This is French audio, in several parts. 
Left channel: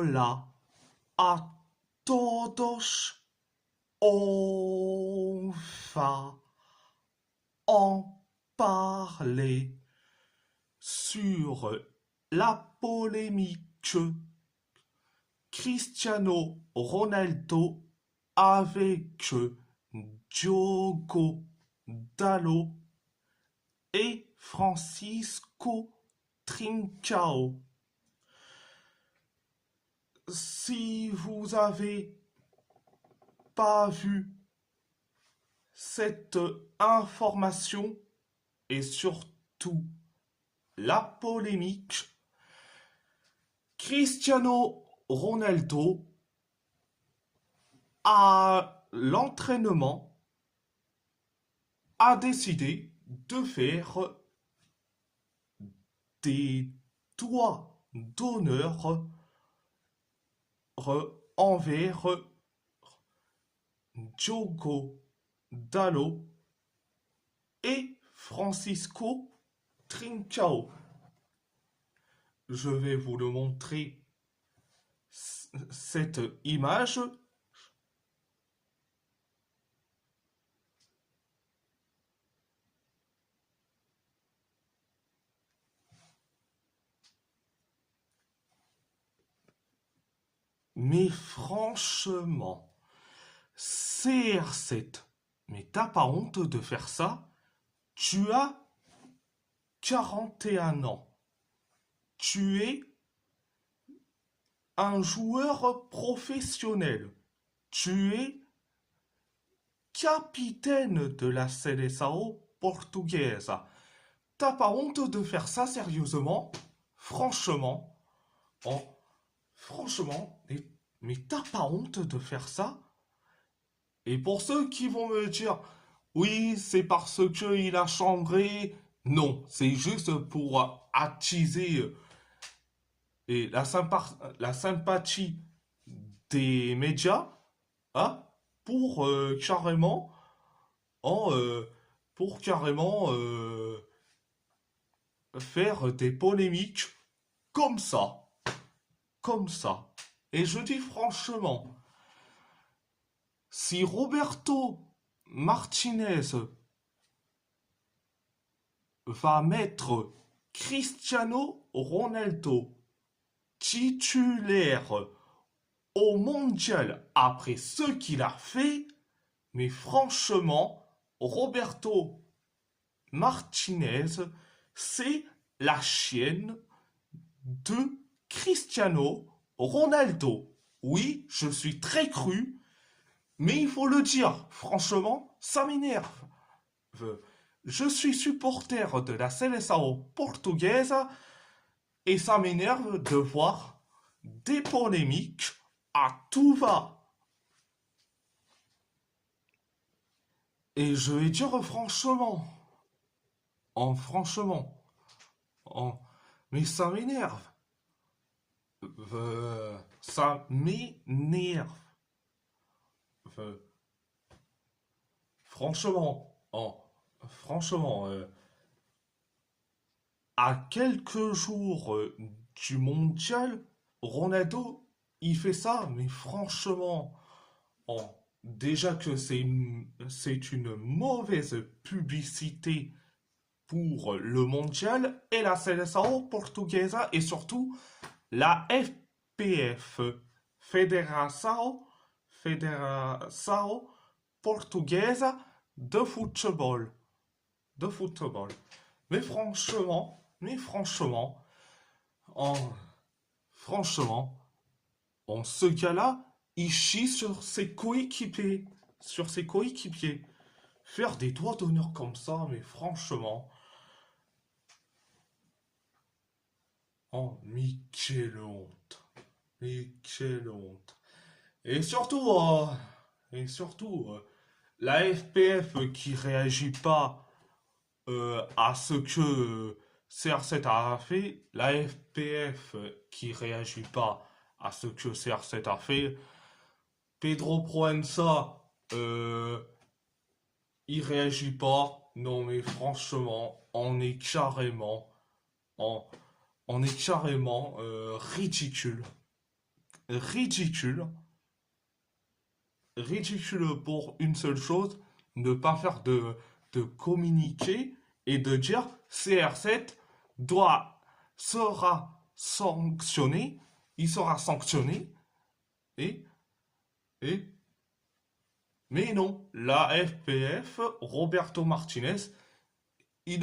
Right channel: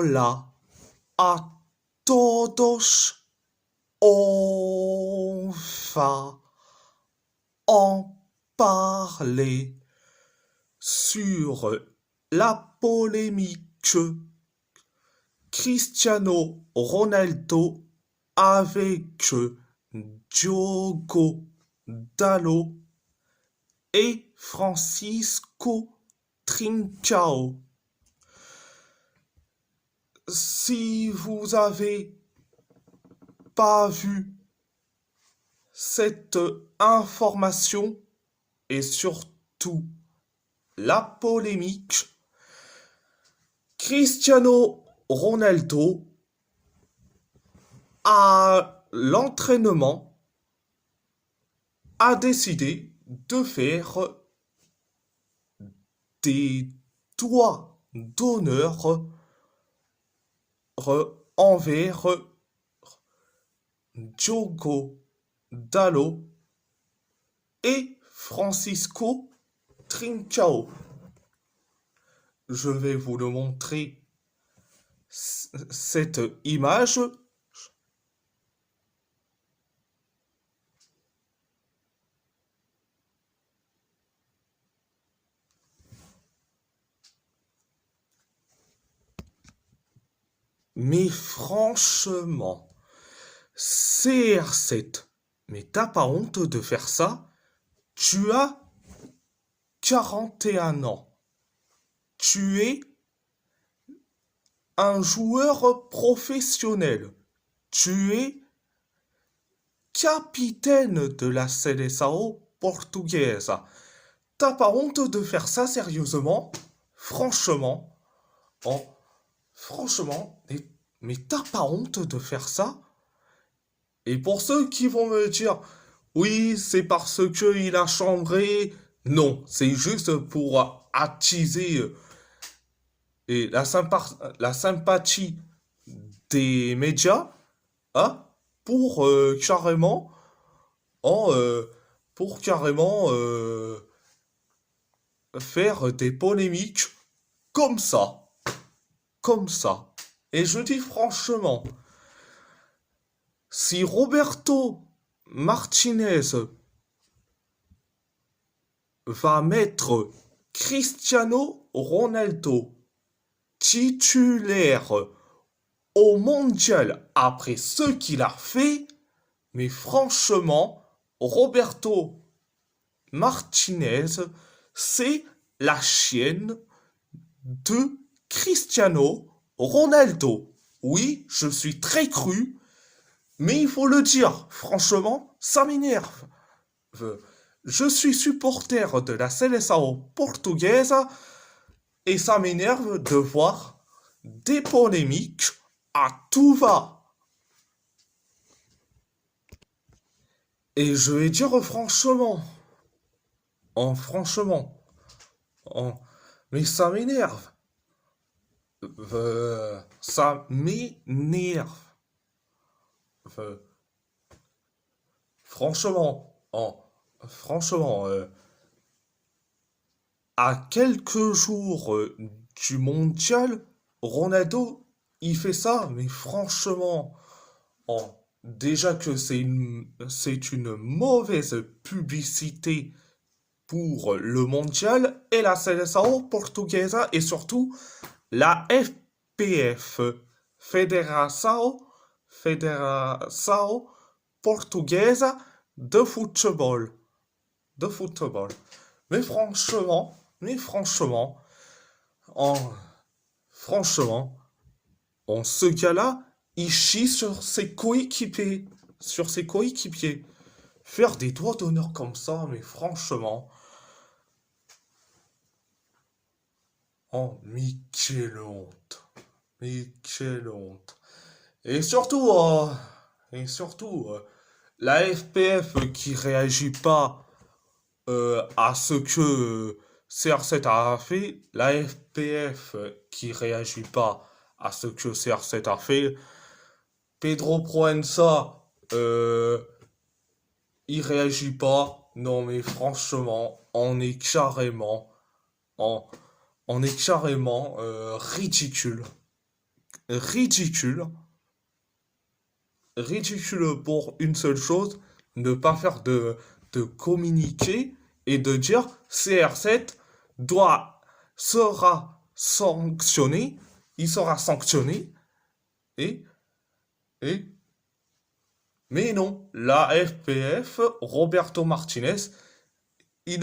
Hola a todos. On va en parler sur la polémique Cristiano Ronaldo avec Diogo Dalot et Francisco Trincao. Si vous avez pas vu cette information et surtout la polémique, Cristiano Ronaldo à l'entraînement a décidé de faire des doigts d'honneur envers Diogo Dalot et Francisco Trincao. Je vais vous le montrer, cette image. Mais franchement, CR7, mais t'as pas honte de faire ça? Tu as 41 ans. Tu es un joueur professionnel. Tu es capitaine de la Seleção portugaise. T'as pas honte de faire ça sérieusement? Franchement, oh, franchement, mais t'as pas honte de faire ça? Et pour ceux qui vont me dire, oui, c'est parce que il a chambré, non, c'est juste pour attiser et la sympathie des médias, hein, pour carrément, en, pour carrément faire des polémiques comme ça, comme ça. Et je dis franchement, si Roberto Martinez va mettre Cristiano Ronaldo titulaire au mondial après ce qu'il a fait, mais franchement, Roberto Martinez, c'est la chienne de Cristiano Ronaldo. Oui, je suis très cru, mais il faut le dire, franchement, ça m'énerve. Je suis supporter de la Seleção portugaise et ça m'énerve de voir des polémiques à tout va. Et je vais dire franchement, franchement, mais ça m'énerve. Ça m'énerve. Euh, franchement, franchement, à quelques jours du mondial, Ronaldo, il fait ça, mais franchement, déjà que c'est une mauvaise publicité pour le mondial et la Seleção portugaise et surtout la FPF, Federação Portuguesa de Football. De football. Mais franchement, en, franchement, ce gars-là, il chie sur ses coéquipiers. Sur ses coéquipiers. Faire des doigts d'honneur comme ça, mais franchement. Oh, mais quelle honte. Mais quelle honte. Et surtout, la FPF qui réagit pas à ce que CR7 a fait, la FPF qui réagit pas à ce que CR7 a fait, Pedro Proença, il réagit pas. Non mais franchement, on est carrément ridicule. ridicule. Ridicule pour une seule chose, ne pas faire de communiqué et de dire CR7 doit, sera sanctionné, il sera sanctionné, et, et, mais non, la FPF, Roberto Martinez, il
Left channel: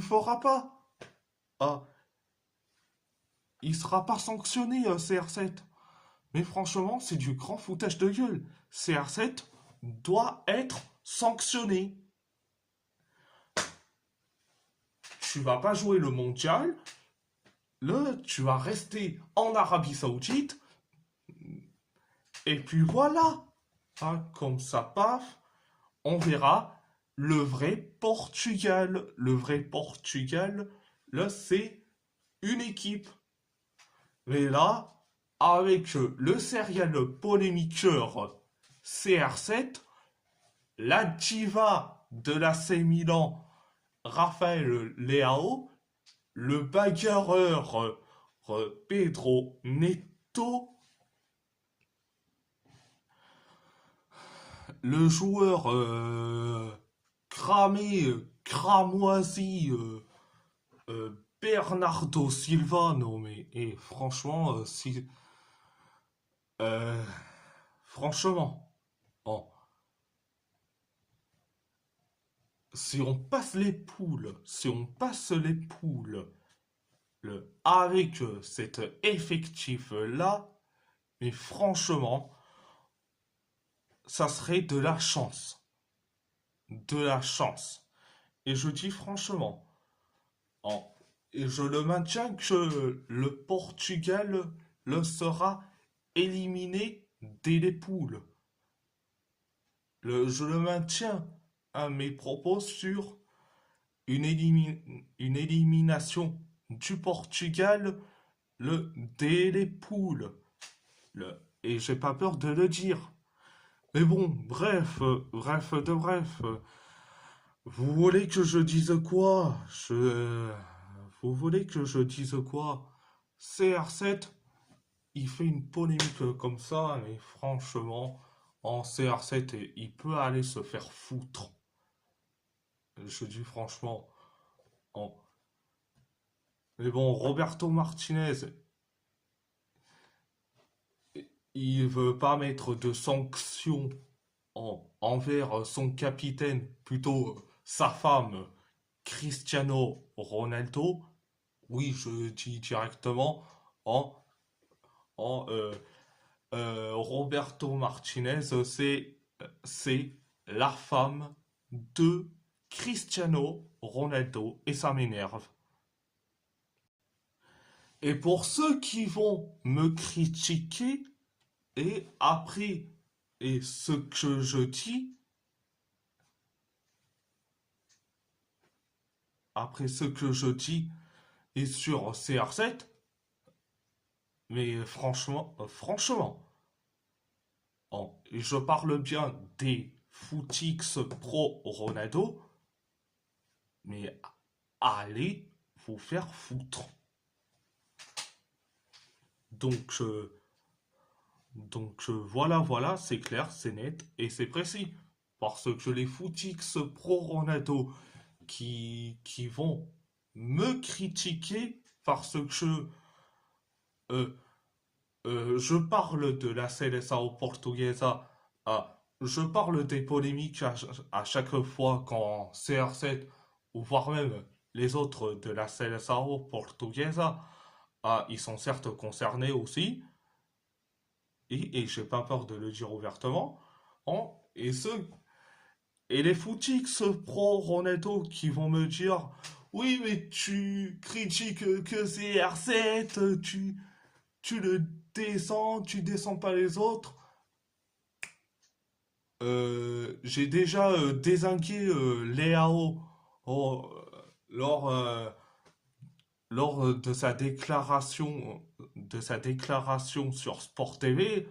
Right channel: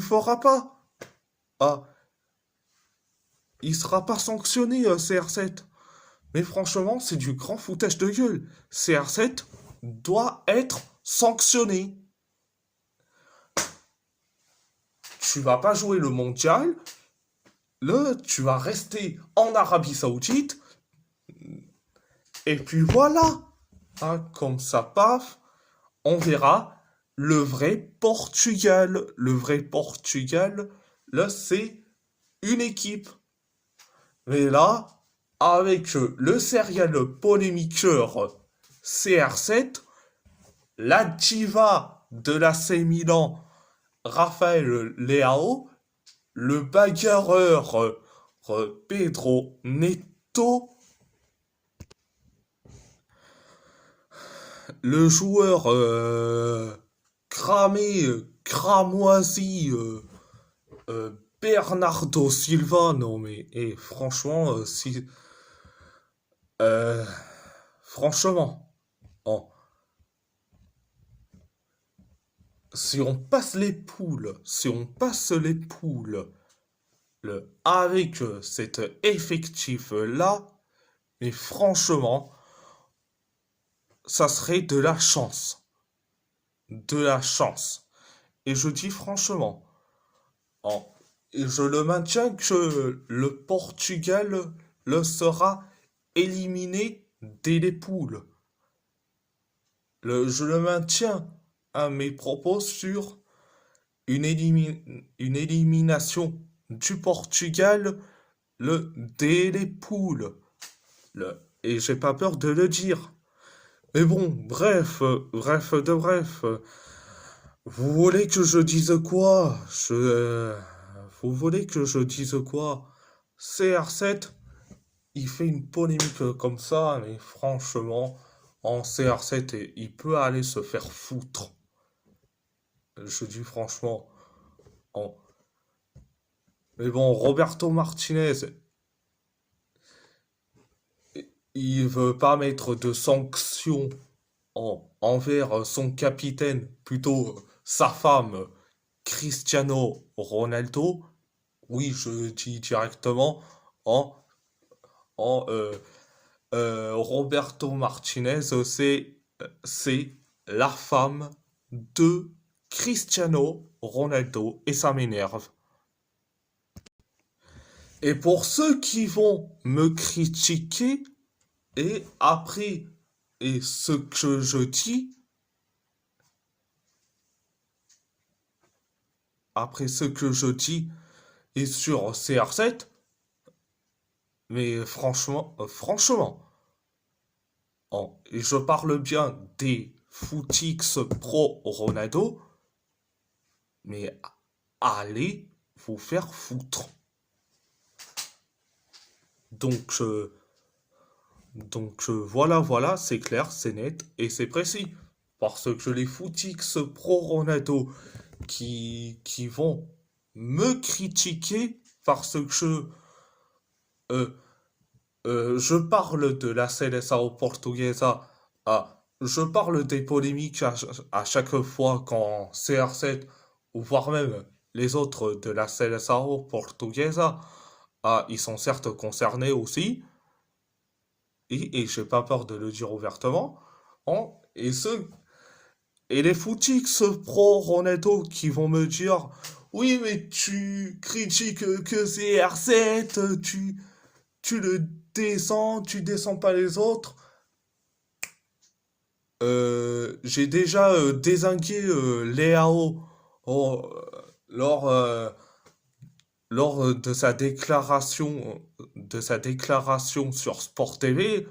fera pas. Ah, il sera pas sanctionné, CR7. Mais franchement, c'est du grand foutage de gueule. CR7 doit être sanctionné. Tu vas pas jouer le mondial, tu vas rester en Arabie Saoudite, et puis voilà. Hein, comme ça, paf, on verra le vrai Portugal. Le vrai Portugal, là, c'est une équipe. Mais là, avec le serial polémiqueur CR7, la diva de la C Milan, Raphaël Leao, le bagarreur Pedro Neto, le joueur cramé, cramoisi, Bernardo Silva, non mais et franchement, si euh, franchement, oh, si on passe les poules avec cet effectif là, mais franchement, ça serait de la chance, de la chance. Et je dis franchement, oh, et je le maintiens que le Portugal le sera éliminé dès les poules. Je le maintiens à mes propos sur une élimination du Portugal dès les poules. Et j'ai pas peur de le dire. Mais bon, bref de bref. Vous voulez que je dise quoi? Vous voulez que je dise quoi? CR7, il fait une polémique comme ça, mais franchement, en CR7, il peut aller se faire foutre. Je dis franchement. en- Mais bon, Roberto Martinez, il veut pas mettre de sanctions envers son capitaine, plutôt sa femme, Cristiano Ronaldo. Oui, je dis directement en, Roberto Martinez, c'est la femme de Cristiano Ronaldo et ça m'énerve. Et pour ceux qui vont me critiquer, et après, et ce que je dis, après ce que je dis, et sur CR7, mais franchement, et je parle bien des footix pro Ronaldo, mais allez vous faire foutre. Donc, voilà, c'est clair, c'est net et c'est précis. Parce que les footix pro Ronaldo qui vont me critiquer parce que euh, je parle de la Seleção Portuguesa, je parle des polémiques à chaque fois quand CR7 ou voire même les autres de la Seleção Portuguesa, ils sont certes concernés aussi, et j'ai pas peur de le dire ouvertement, et et les footix pro Ronaldo qui vont me dire oui mais tu critiques que CR7, tu le descends, tu descends pas les autres. J'ai déjà dézingué Léao oh, lors, de sa déclaration sur Sport TV.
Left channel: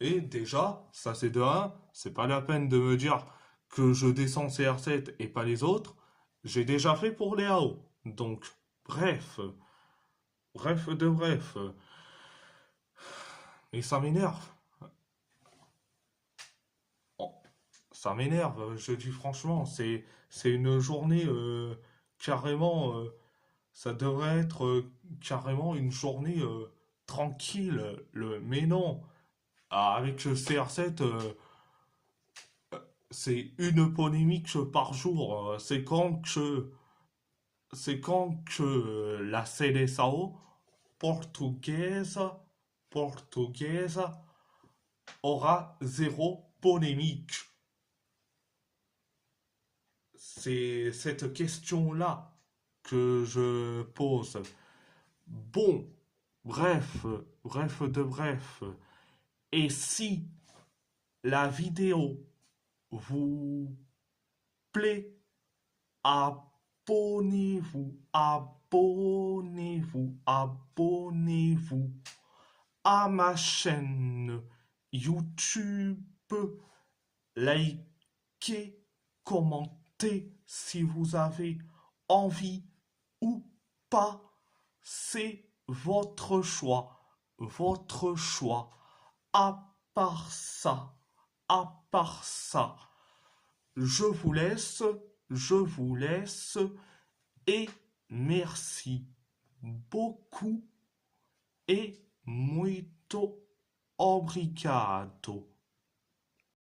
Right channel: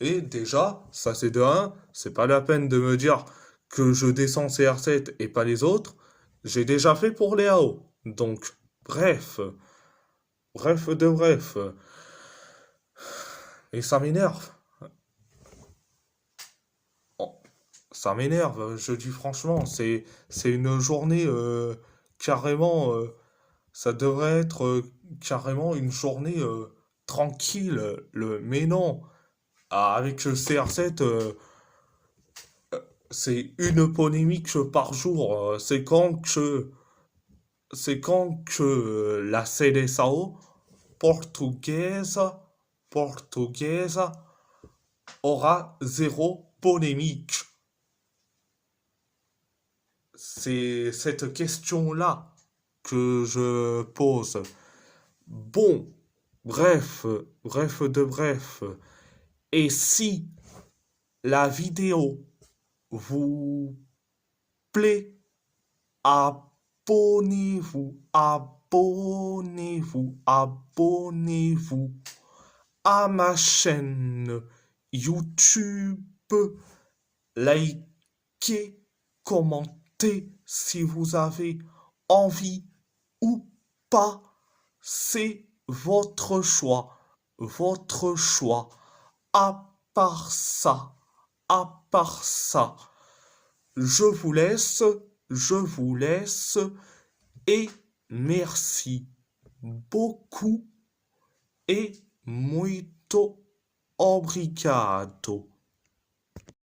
Et déjà, ça c'est de un, c'est pas la peine de me dire que je descends CR7 et pas les autres. J'ai déjà fait pour Léao. Donc, bref, bref de bref. Et ça m'énerve. Oh, ça m'énerve, je dis franchement, c'est une journée carrément, ça devrait être carrément une journée tranquille. Mais non, avec le CR7, c'est une polémique par jour. C'est quand que la CDSAO portugaise, portugaise aura zéro polémique. C'est cette question-là que je pose. Bon, bref de bref. Et si la vidéo vous plaît, abonnez-vous, abonnez-vous, abonnez-vous à ma chaîne YouTube. Likez, commentez si vous avez envie ou pas. C'est votre choix. Votre choix. À part ça, à part ça, je vous laisse et merci beaucoup et muito obrigado.